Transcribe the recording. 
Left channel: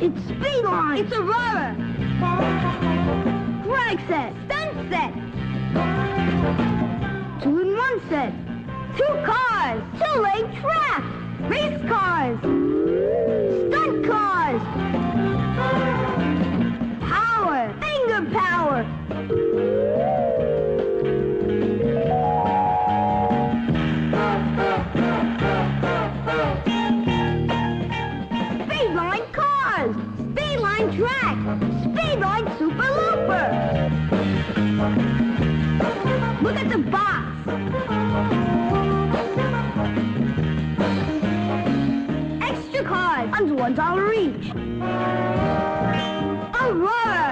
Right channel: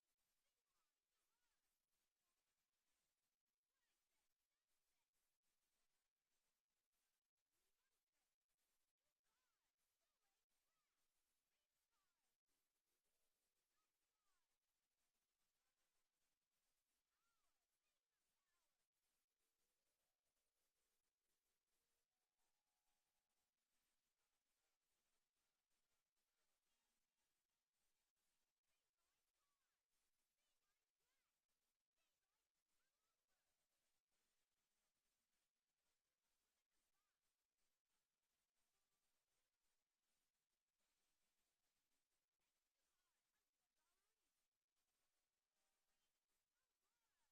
It's speed line. It's Aurora. Drag set. Stunt set. 2-in-1 set. 2 cars. 2-lane track. Race cars. Stunt cars. Power. Finger power. Speedline cars. Speedline track. Speedline Super Looper. Look at the box. Extra cars. Under $1 each. Aurora.